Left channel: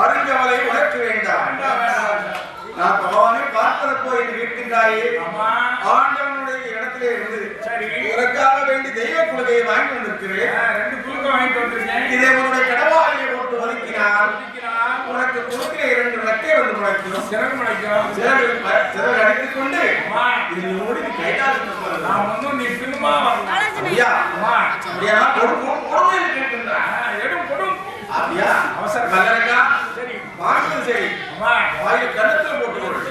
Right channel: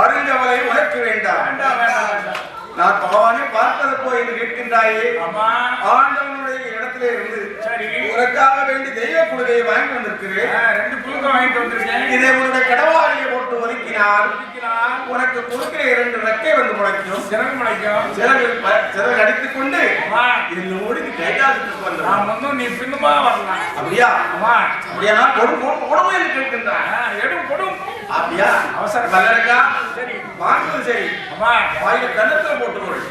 அறிஞ்சவரை உனக்கு வேண்டாம். நான் பகவானை பார்ப்பதற்கோ என்று கேட்கின்றாயே, ஆண்டவனுடைய இடத்திலே இருந்து உனக்காக வேண்டி தெய்வ குழுவையை வாங்கி வந்திருக்கிறேன். 2 குழுவை வாங்கிட்டு வந்திருக்கேன். இதை உன்னுடைய கடவாளியை போட்டு ஒதுக்கினால் உனக்கு கொடுக்கிற 2 ரெக்கை வந்து முளைக்கும், சிறகு முளைக்கும். சிறகு அடித்துக் கொண்டு என்னோடு நீ கைகாலத்துக்கு வந்து நான் ஒன்னும் நீ பின்னுமா வரலாம். அப்படியா? அப்படியா? கொடுமை கேட்கின்றான். எடும் கொடும். அப்படியா? அவசரம் வல்லரக்கா. சரி வாங்குவது சரி. வாயில கண்ணத்துல போட்டுக்கொள்.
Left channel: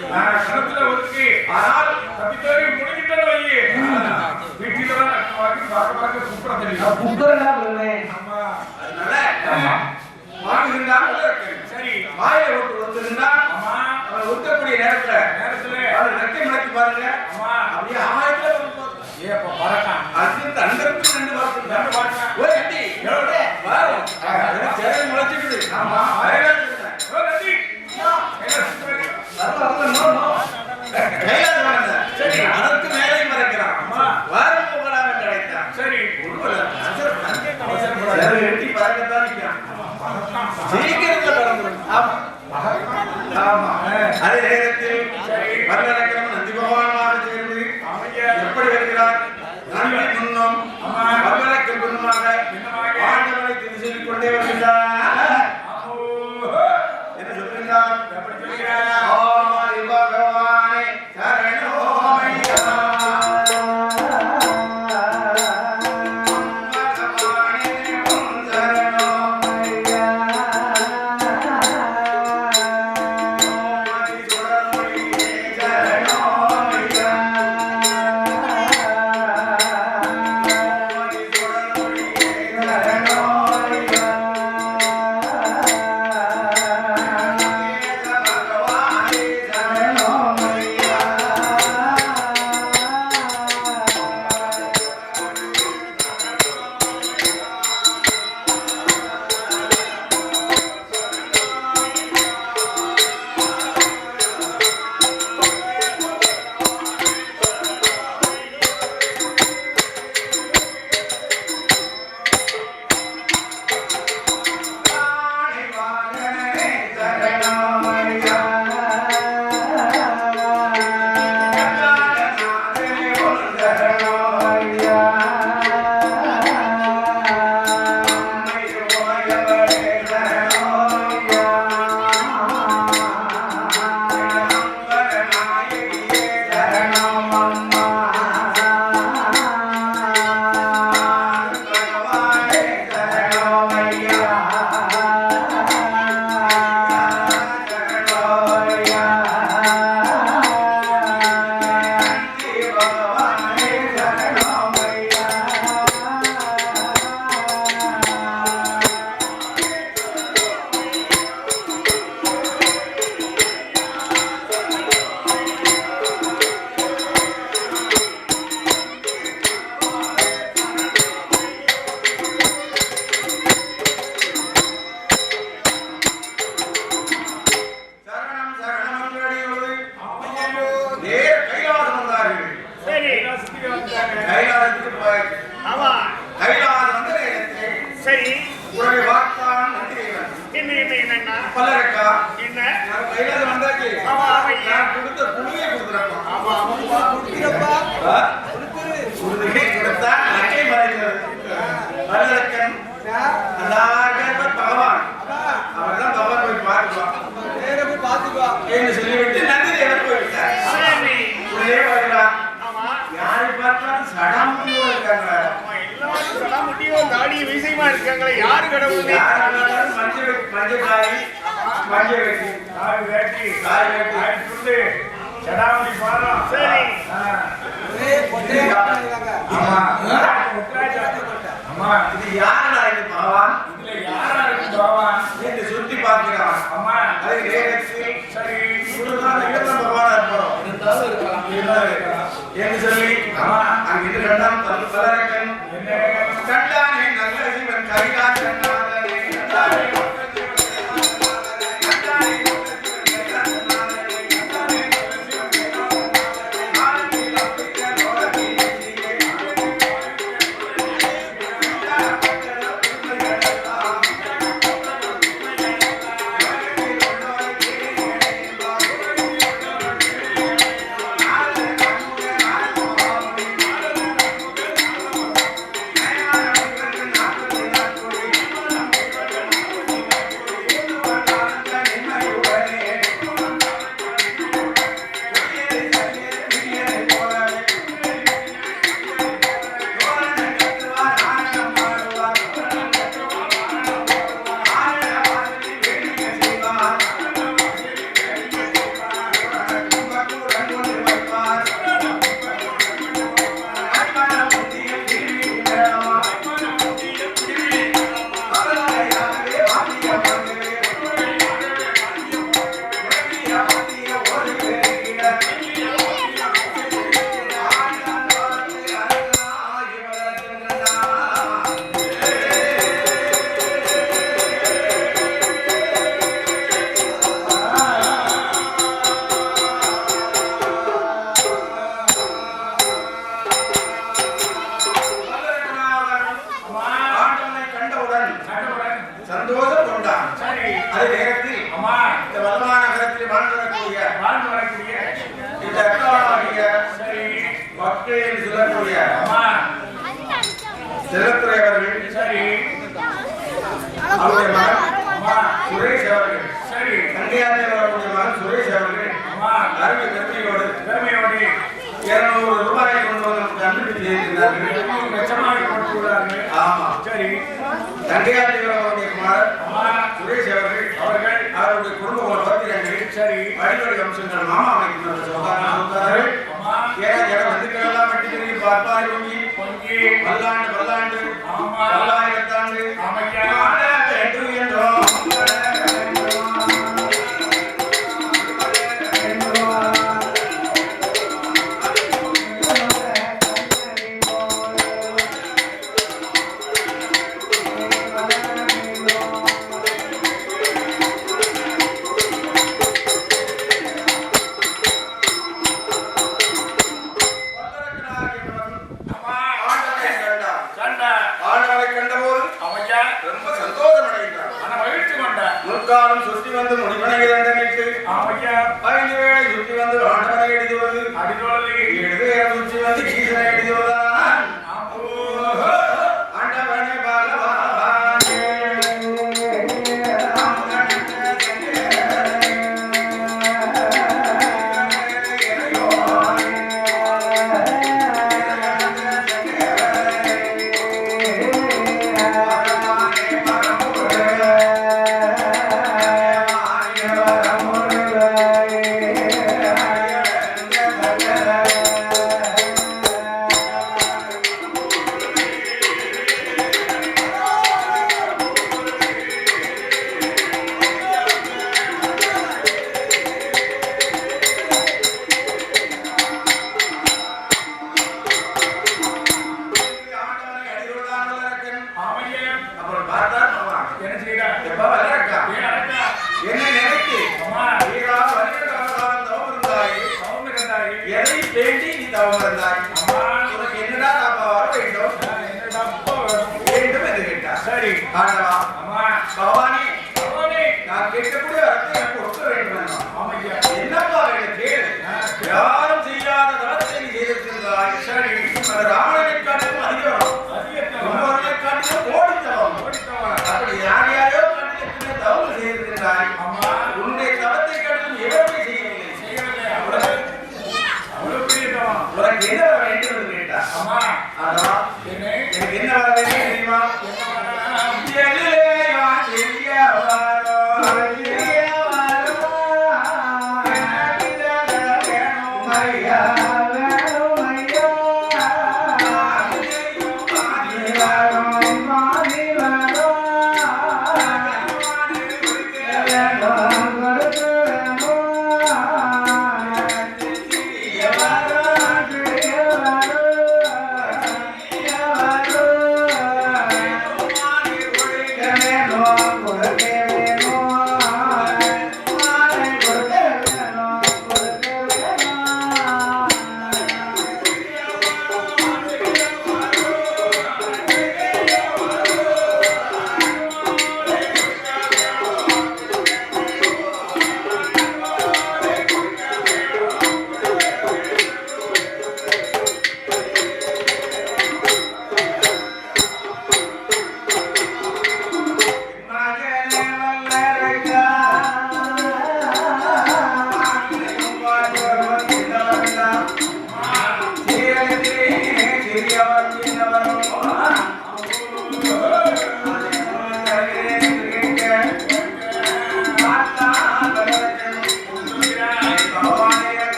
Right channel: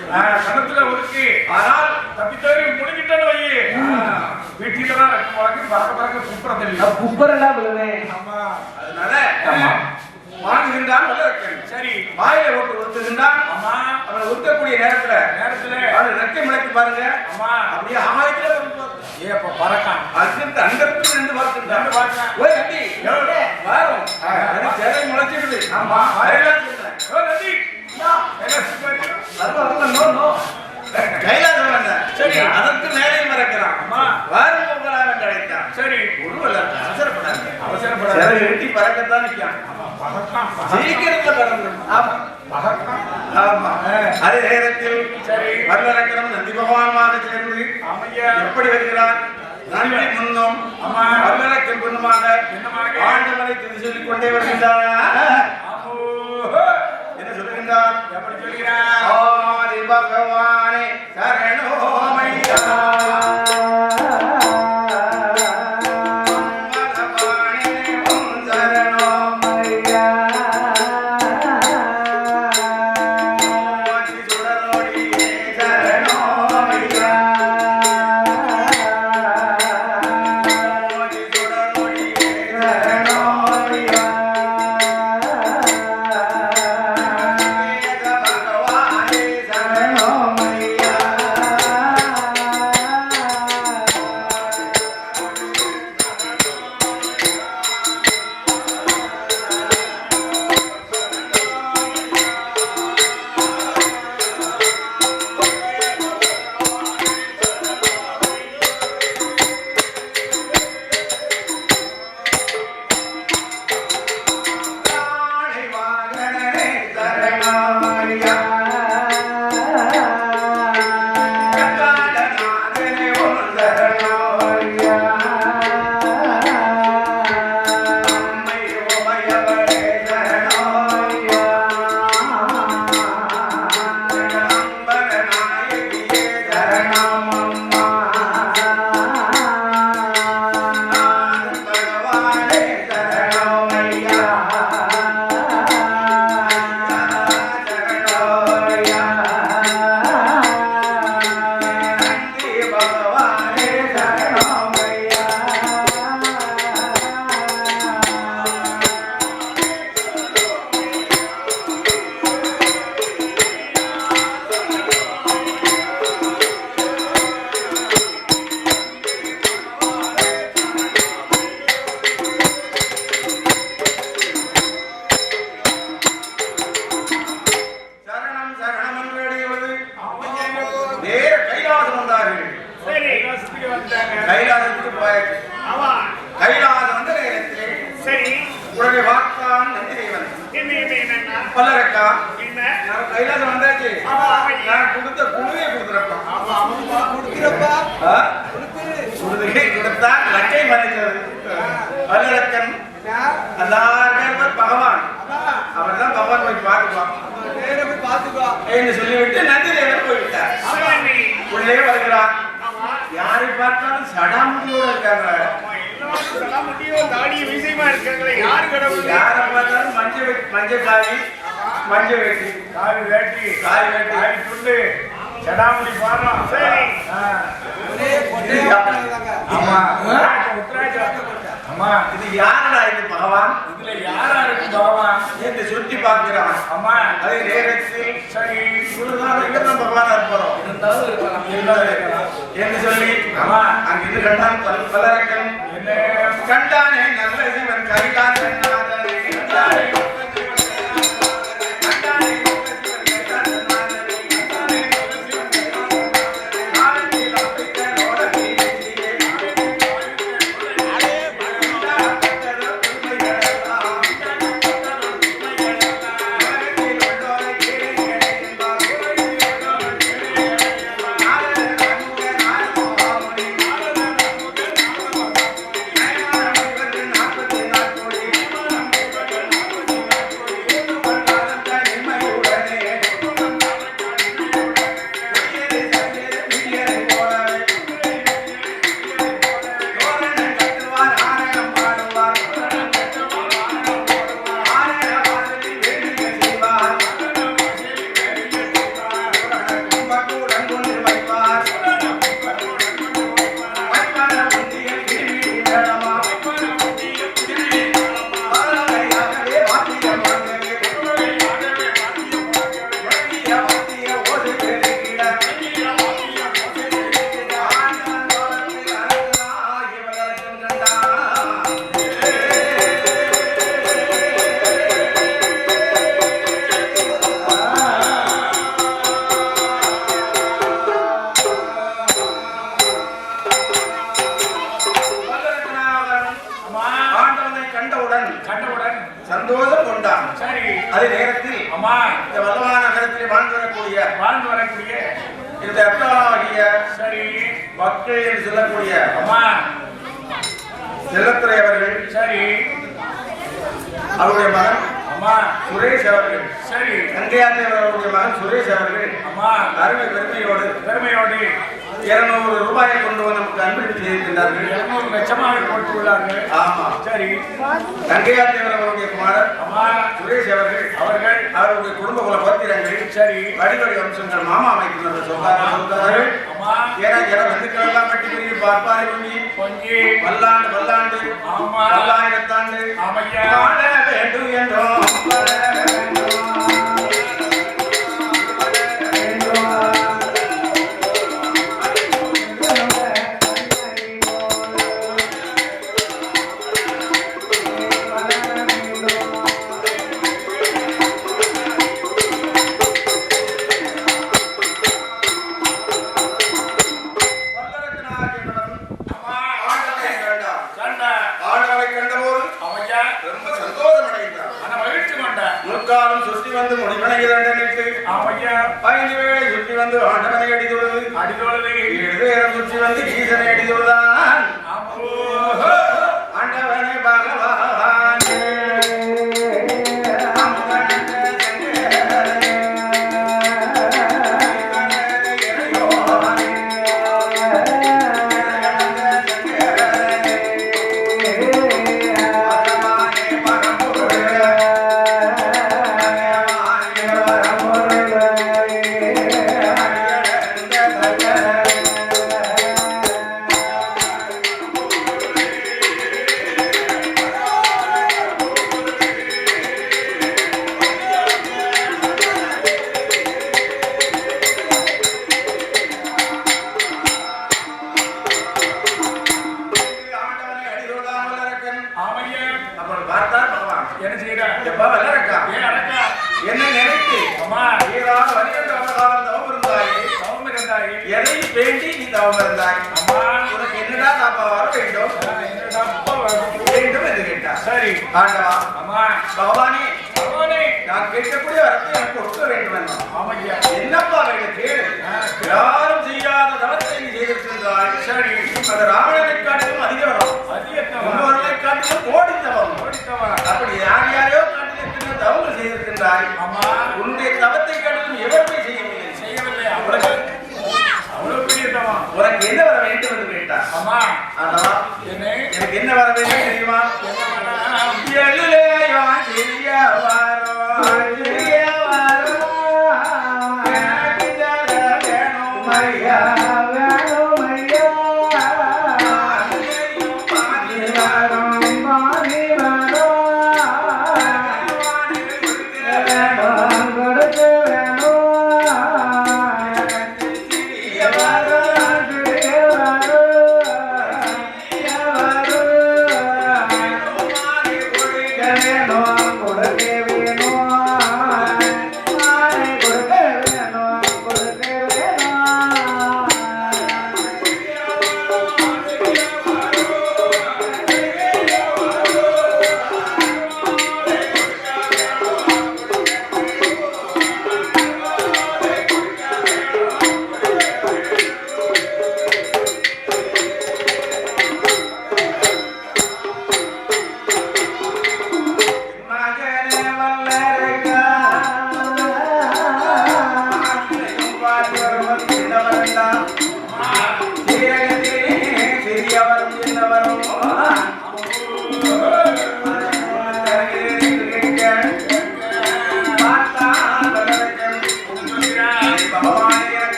கண்ணத்துல ஒதுக்கி. ஆனால் தப்பித்தோரி முடிக்கிட்டே வையே. வீட்டில தான் பார்க்க குப்புற தெரியும். குப்புறடா போவே. ஆமா. அதனால வாங்குகின்றான் வல்லரக்கன். சரி வாயில போட்டு ஒதுக்குகின்றான். ஆமா. அவனை ஒதுக்கக்கூடிய நேரத்துல அவன் ரெக்கை முளைக்கு பாருங்க. ஆமா. அப்படியே ஆகாயத்துல வந்து ஏ அப்ப பறக்கான். அதுக்கு அங்கருக்கு 2 வார்த்தை. ஓய் கட்டி எவ்வளவு வாரும். எனக்கு சேரை முளைச்சிடுது. ஆமா. வாயில சொல்றேன். ஓ கட்டி கைலாசம் வந்த. சரி அதற்கு மேலே மறக்கிறான். வாரம் போகலாம் என்று அழைத்தான். சரி அவசரப்படாது. சரி வெட்டி பறக்கத்தான் நிற்கிறான். சீக்கிரத்துல பறந்துடும். ஆமா ஆமா. அதே நேரத்தில் வல்லரக்கரம் நந்தி பகவானுமாக சேர்ந்து எப்படி வருகிறார்? நன்றி முன்னும் வல்லரக்கன் பின்னுமாக ஆண்டவனை துதி சொல்லிக் கொண்டே வருகின்றார். என்ன சொல்லுகின்றார்? எப்படி சொல்கிறார்? ஆதி பகவானே சரணோமையா. கைலாசத்துக்கு போயாச்சு. ஆமா கைலாசம் வந்த நேரத்திலே சரி உடனே வார்த்தான் நந்திதேவன். என்ன பல்லரக்கா என்ன நான் கைலாசம் வந்தாச்சு. ஆமா நான் கொடுத்த குழுவை கொடுத்துறப்பா. ஆமா ஆமா கொடுக்கிறப்பா. கொடுத்தா லக்கை மறைந்தது. பல்லரக்கன் அல்லாஹ் பகவான் அவர்தான் பகவான் போய் பார்த்துக்குவான். நேரா போய் பார்த்துக்குவா என்று சொல்லிவிட்டு நந்திதேவன் போய்விட்டார். சரி உடனே வருகிறார். ஆமா யாரை பார்த்தாலும் சடாமுடியோட இருக்காங்க. எல்லாரும் சடாமுடியும் தாடி விஷயமா இருக்காங்களே, யாரு கடவுள்? யாரை பார்த்தாலும் மஞ்சள் காவி, மஞ்சள் வேட்டி, காவி வேட்டி, காவி துண்டு, சடாமுடி பாரம். சரி, ஆமா, இது யாரடா இது பகவான்? இதுல யாரா இருக்கு பகவான் என்று சுத்தி பார்க்கிறான். அம்மா அதை நேரத்தில் சரி இங்கதான் பகவானா இருப்போம் என்று சொல்லி அங்க இது கண்டான் பலரக்கன் என்ன கண்டானே நல்ல சிவன் கைகாசன் நாதனே கண்டானே சந்தோஷம் கொண்டான். அதே நேரத்தில் அம்மா இந்த வல்லவா நகரத்தில் வாழ்ந்து வரக்கூடிய இந்த அர்த்தவாகிய சரி மக்கள் என்று சொல்லக்கூடிய அம்மா செல்லத்துறை அவர்கள் சரி அவருடைய மகன் அம்மா சுரேஷ் அவர்கள் சரி கங்கையாதேவர் அவருடைய மகன் சுரேஷ் அவர்கள் அம்மா அருமை பெருமையோடு 200 ரூபாயை கொண்டு வந்து நமக்கு அன்பளிப்பு செய்திருக்கிறார்கள். 200 லட்சமாக கொடுத்துள்ளார்கள். ஆமா சரி கங்கையாதேவர் அவருடைய குமாரர் அம்மா சுரேஷ் அவர்கள் அவருடைய குடும்ப குல பத்திரங்கள் சரி அடிக்கடி வம்சங்கள் மாமா அமைக்கின்ற சொல்றாரு. அம்மா ஏன்னா வந்துக்கள் எல்லாம் பட்டி பெரிய பார்ப்பாரி பொங்கி பல்லாண்டு ஆமா பல்லாயிரத்தாண்டு ஆமையா வேண்டும் என்றோம் ரொம்ப சந்தோஷம் அடைந்தார். மகிழ்ச்சி கொண்டார். முற்காலம் சுற்றி வந்து முடிவனைகள் நினைத்து 5 வேளை சுற்றி வந்து ஆண்டவனை அடிதுவது 7 வேளை சுற்றி வந்து ஈசனை அடிதுவதான் ஆண்டவனை பகவானே என்ன நினைத்து எதை வேண்டி நீ தவம் இருந்தாய்? உனக்கு என்னடா தாப்பா வர வேண்டும் வேண்டும் என்று கேட்டார். சரி ஆண்டவா பகவானே நான் கேட்கக்கூடிய வரத்தை எனக்கு கொடுக்க வேண்டும். என்னப்பா வேண்டும் கேளு. யாரும் செய்யாத தவத்தை நீ செய்திருந்தாய். சரி அந்த ராவணனை காட்டிலும் அதிகம் முன்னோர்களை காட்டிலும் கோடி தவம். அப்படி யார் யாரையோ காட்டிலும் எத்தனை தவங்கள் செய்திருக்கின்றாய். உன்னுடைய தவத்தை காட்டிலும் எவருமே செய்யவில்லை. அவ்வளவு பெரிய தவம். உனக்கு என்ன வர வேண்டும்? எனக்கு என்ன வர வேண்டும் தெரியுமா? எதிலேயோ சிறிய வரம், சிறிய வரம், எனக்கு தர வேணும் ஐயா, வேணும் ஐயா. அதிலேயும் பாதி வரம், பாதி வரம், வேணும் கொடுக்க வேணும். எனக்கு சிறிய வரம், சிறிய வரம்,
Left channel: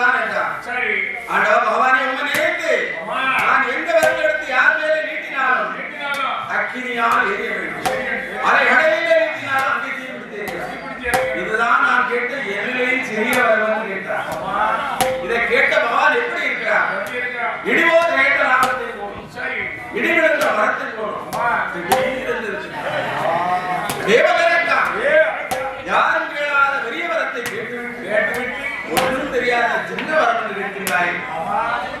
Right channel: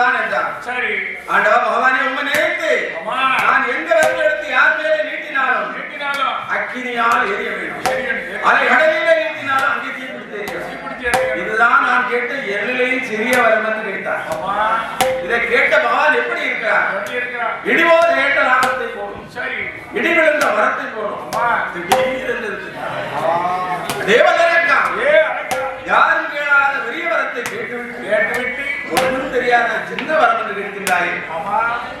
ஒன்றுதான் என்றார். சரி ஆண்டவா பகவானே உம்மை நினைத்து அம்மா நான் எந்த விரல் எடுத்து யார் மேலே நீட்டினாலும் கேட்டினாலும் அக்கினியால் எரிய வேண்டும். சரி அதை கடலிலே நீட்டினாலும் அங்கே தீப்பிடித்து எரியும். இதுதான் நான் கேட்ட எல்லையில் சிறிய வரம் என்று கேட்டார். அம்மா இதை கேட்ட பகவான் எப்படி இருக்கிறார்? எப்படி இருக்கா இடிபோது கேட்ட லாபத்தை போடும், சரி இடி விழுந்த மரத்தை போடும், அம்மா திடீரென்று இருக்கிறார். தேவதரக்கா ஏ அரக்கா யாரும் கேளாத பெரிய வரத்தை கேட்டுவிட்டு கேட்டுவிட்டு ஒன்றும் தெரியாத சின்ன வரம் என்று கேட்கின்றாய். அம்மா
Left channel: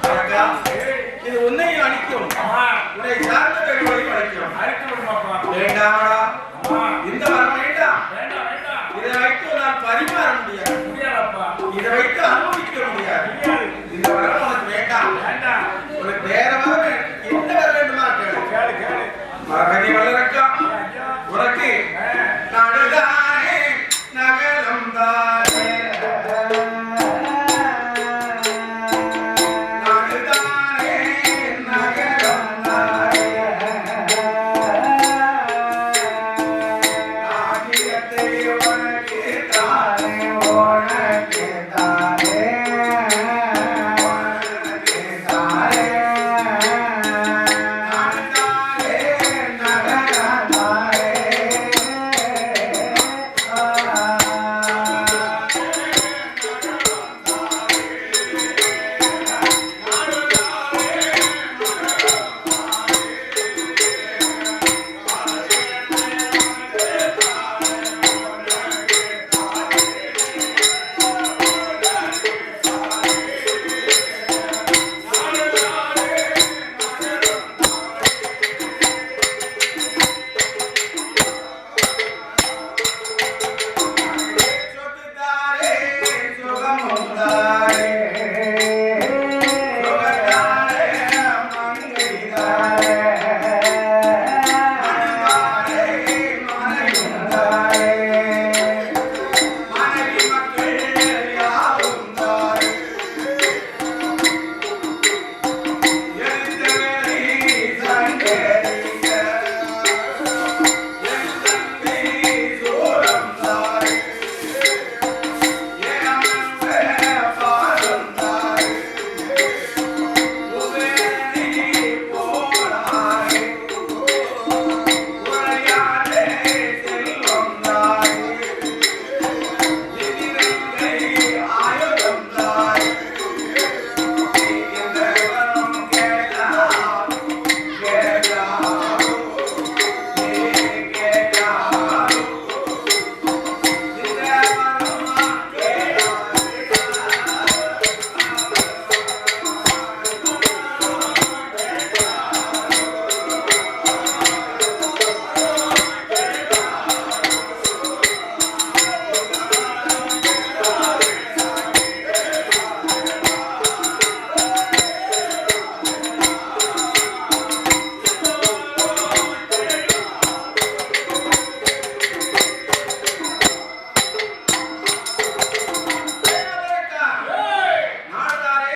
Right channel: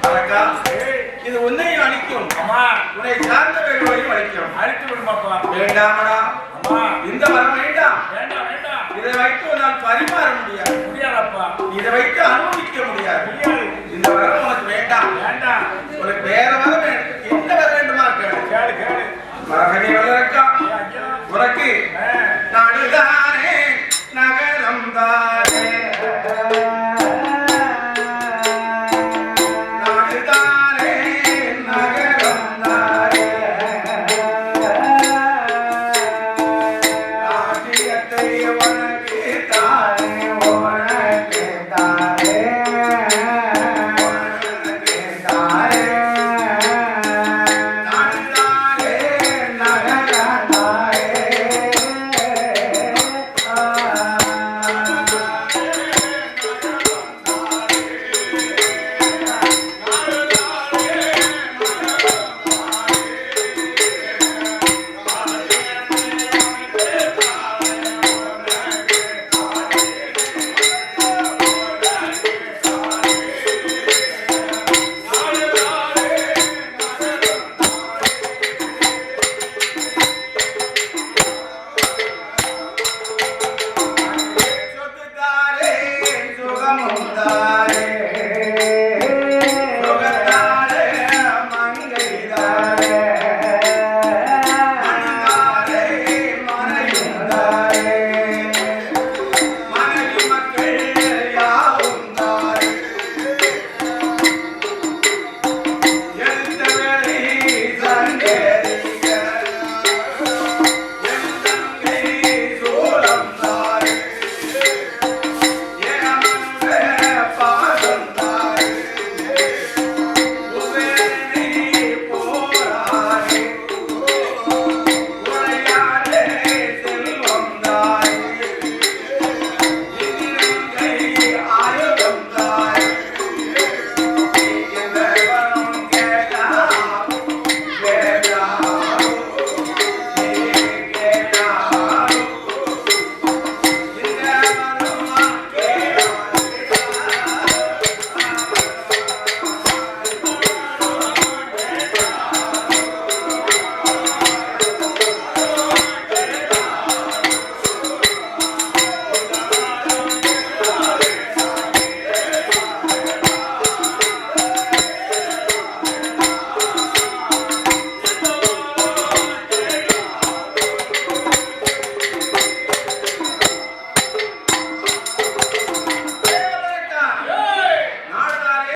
அரக்கா ஏ இது உன்னையும் அழிக்கும், அம்மா உன்னை சார்ந்தவர்களையும் அழிக்கும். அழைத்து விடுமாப்பா வேண்டாமடா, அம்மா இந்த வரம் வேண்டாம். வேண்டாம் வேண்டாம் இதை வைத்து உன்னால் பரிமாற முடியாது, முடியாதப்பா இதை வைத்து அனுபவிக்க முடியாது. முடியாது இந்த வரம் உனக்கு வேண்டாம். வேண்டாம் உனக்கு வேற வரம் என்ன வர வேண்டுமா கேளு. கேளு கேளு மரகதி வளரக்கா ஏ ஐயா உனக்கு ஆ